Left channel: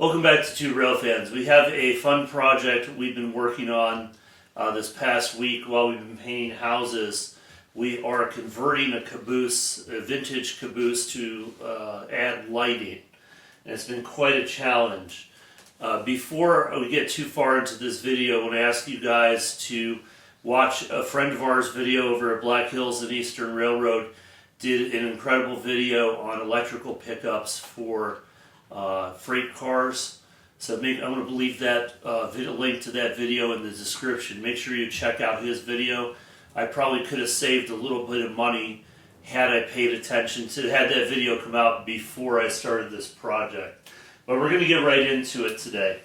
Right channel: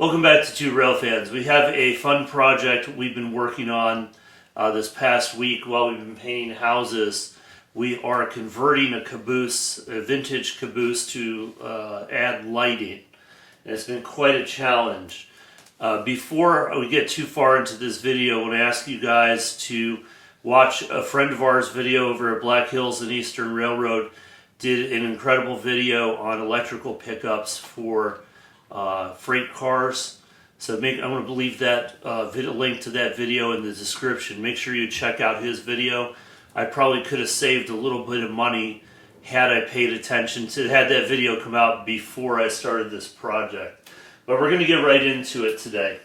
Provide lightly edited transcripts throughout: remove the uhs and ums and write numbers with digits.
Welcome back to Two Rail Fans. We have a fun project we've been working on this past week while we've been painting houses. We are converting a caboose, a vintage caboose, to add lighting. And it's been quite a challenge. Before we get too far into this video, I want to ask you guys to watch a friend of ours video over at Black Hills and Eastern Railroad. Did an incredible video on electrical pickups for freight cars. So I'm going to leave that link to that video in the description. Make sure you check out his video. I probably could have saved a little bit of money had I paid attention to had that video come out before I started this project. But we're going to get right into it today.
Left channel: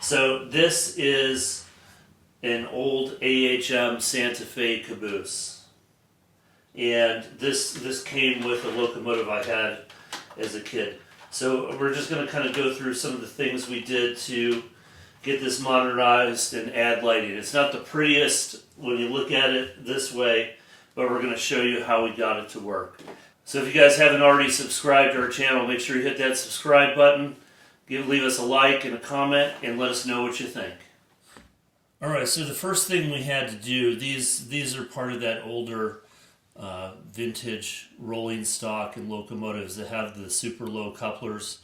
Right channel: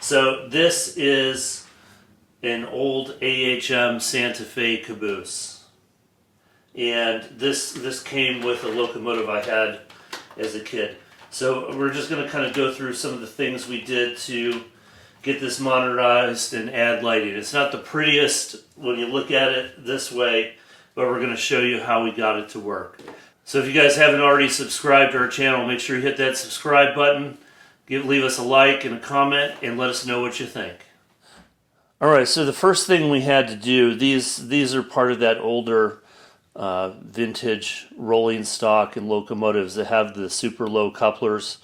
So this is an old AHM Santa Fe caboose. And this came with a locomotive I had as a kid. So we're just going to kind of go through some of the things we did to get this modernized and add lighting. It's not the prettiest when you look at it this way, but we're going to show you how we got it to work. So if you guys haven't already subscribed to our channel, make sure you hit that subscribe button, leave us a like and a comment, and let us know what you think. Alright, so the first thing we had to do, these are part of that older vintage rolling stock and locomotives that have the super low couplers.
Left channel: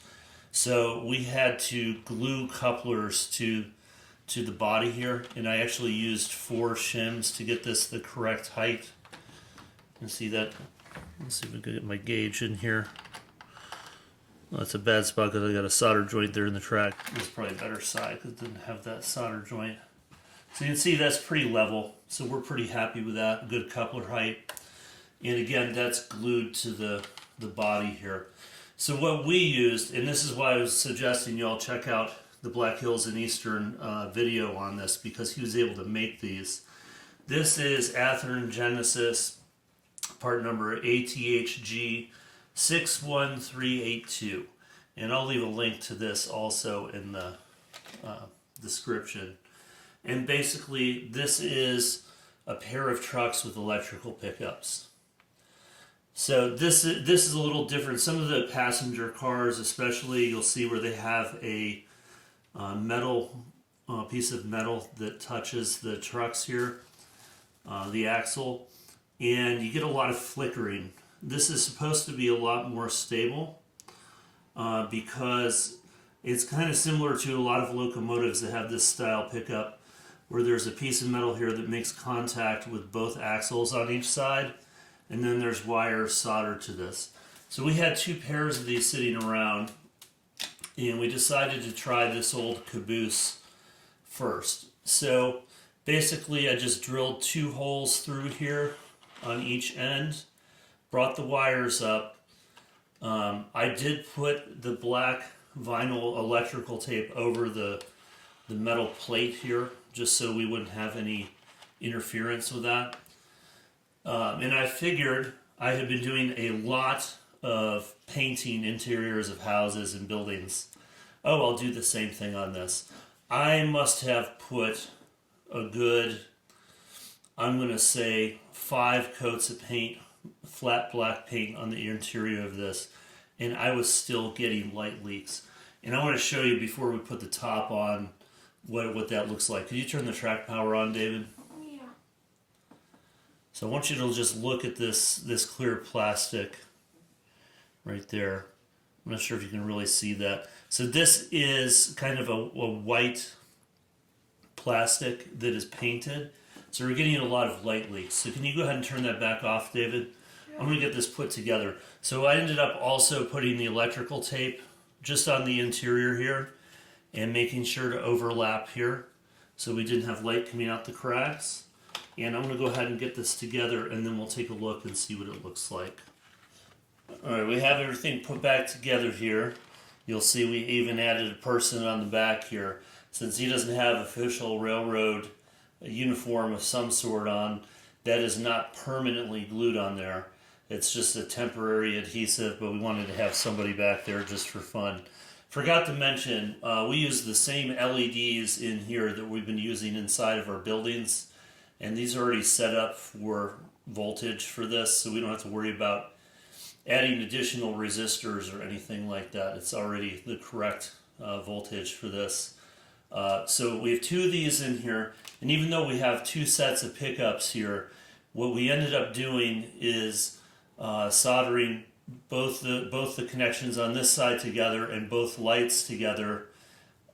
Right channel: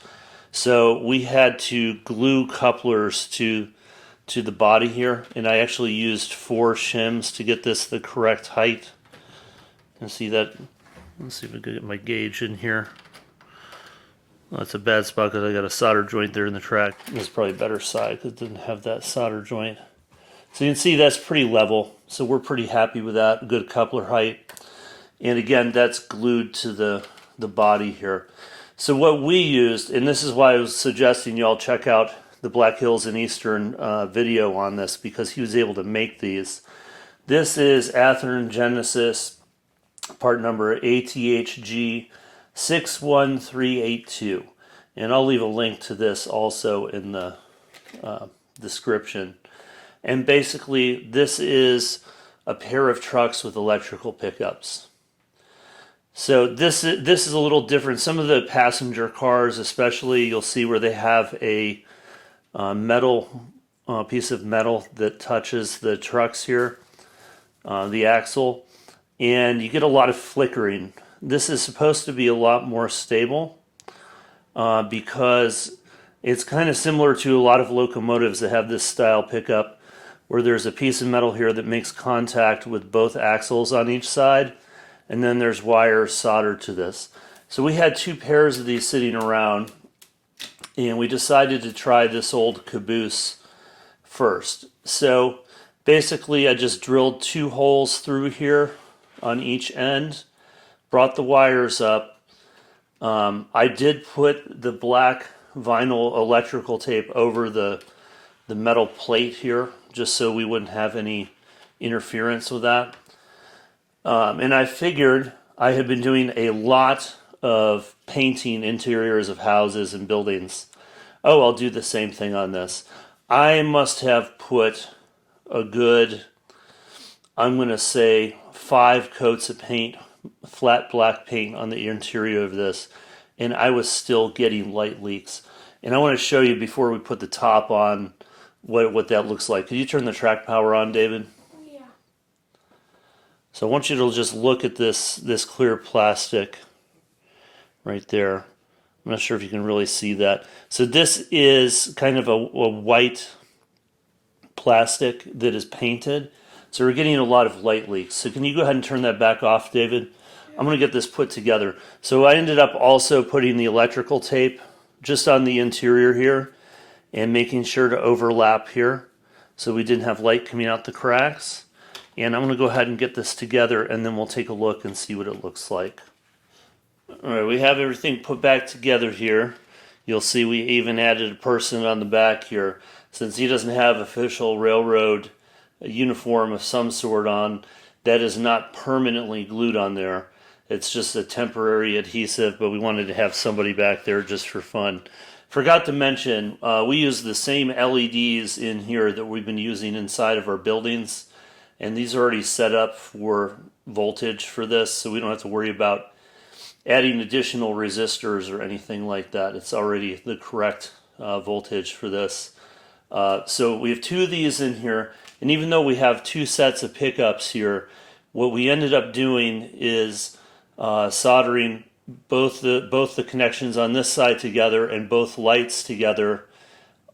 So we had to glue couplers to the body here, and I actually used 4 shims to get this the correct height. And see that? Let's see if we can get my gauge in here. Well, that's a bad spot because I got a solder joint there in the track. It's probably a better side because it didn't have that solder joint. So you can see that's pretty level. So we're pretty happy with that. Good coupler height. And again, that's glued to the body here. So what we used, and this is why I was suggesting you all check out the Black Hills and Eastern video on this, because he was able to make these. This is Athearn Genesis, part number ATHG 61382. And I'll leave a link to this also in the description. And basically, this is a pair of trucks with electrical pickups. So this is a little different. Some of the passenger cars, especially, you'll see where they have a metal piece of metal that touches the trucks here, the axle, and you get a lot of flickering. This is supposed to be a lot more stable because it's kind of similar to a lot of locomotives that have this style pickup, where there's a piece of metal here that makes contact with both axles on each side. And then there's wires soldered to this. So we had 2 pairs of these sitting around, and we decided to try this old caboose first. So basically I just drilled 2 holes through here on each end, brought the wires up. I did put the black vinyl electrical tape over the metal plate here, just so we wouldn't have any interference with that. And I figured I had been doing a lot of painting interiors of houses and buildings. Oh, I'll do the same thing on this. I must have put a good, I'm going to say, 5 coats of paint, flat black paint on the interior of this, and I was still getting light leaks. And I want to show you before we put the top on what that looks like. Could you turn the track power on, David? So I want you to just look at this clear plastic right there. I'm not sure if you can really see that. So this is kind of a white plastic that is painted. So we're getting a lot of light leaks. So can you go ahead and turn that back off, David? I'm going to get this put together. So I ended up also putting the electrical tape just on the interior here and making sure to overlap here so we didn't have light coming out the cracks. And I'm going to go ahead and get this together, and then we'll take a look and see what it looks like. Alright, we have everything put back together here. You'll see we even added a person on the back here. Since he doesn't have official railroad uniform of some sort on, that is not permanently glued on there. It's just a temporary adhesive, but we wanted to have somebody back there just for fun. Forgot to mention, we use the same LEDs in here that we've been using inside of our buildings. And these are already set up for voltage for this, so we don't have to worry about adding additional resistors or anything like that. It's already the correct voltage for this. So we have 2 of these in here, and even though we have 2 sets of pickups here, what we ended up doing is soldering both the connections on this side together and both lights together,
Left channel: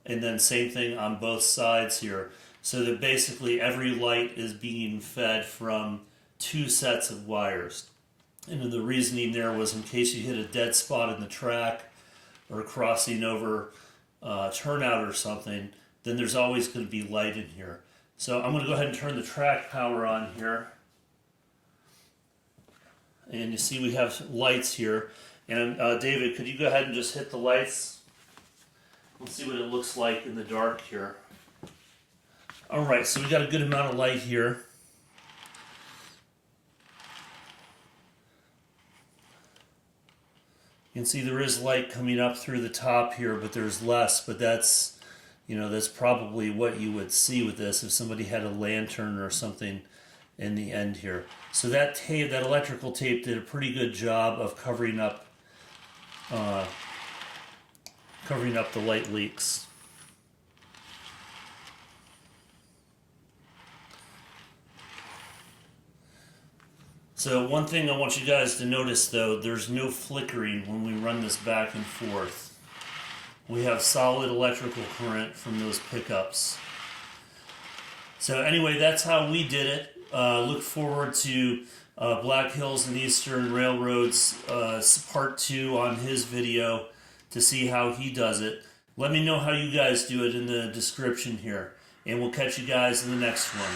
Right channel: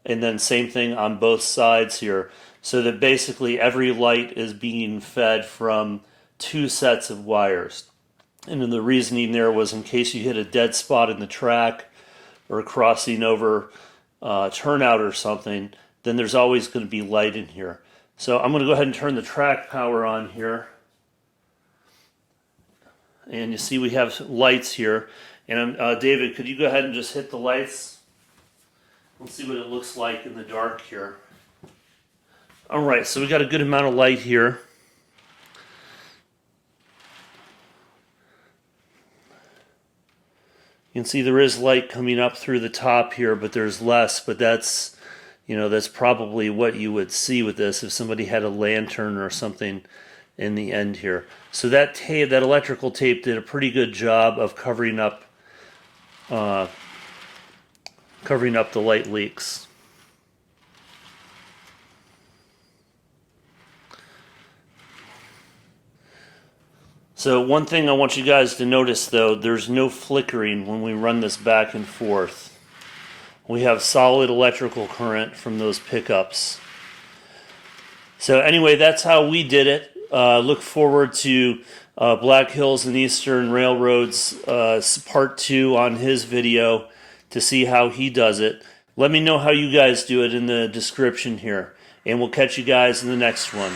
and then same thing on both sides here, so that basically every light is being fed from 2 sets of wires. And then the reasoning there was in case you hit a dead spot in the track or crossing over turnout or something, then there's always going to be light in here. So I'm going to go ahead and turn the track power on here. And you see we have lights here. And David, could you go ahead and just hit the lights? Let's see what it looks like in the dark here. All right, so we got a good amount of light here. You can see there is light coming up through the top here, but there's less. But that's, that's probably what you would see with this if somebody had a lantern or something in the end here. So that tape, that electrical tape, did a pretty good job of covering up the light leaks. So one thing I want you guys to notice, though, there's no flickering when we run this back and forth. We have solid electrical current from those pickups. So anyway, that's how we did it. Look forward to Black Hills and Eastern Railroad's part 2 on his video to see how he does it. Let me know how you guys do it in the description here. And we'll catch you guys in the next one.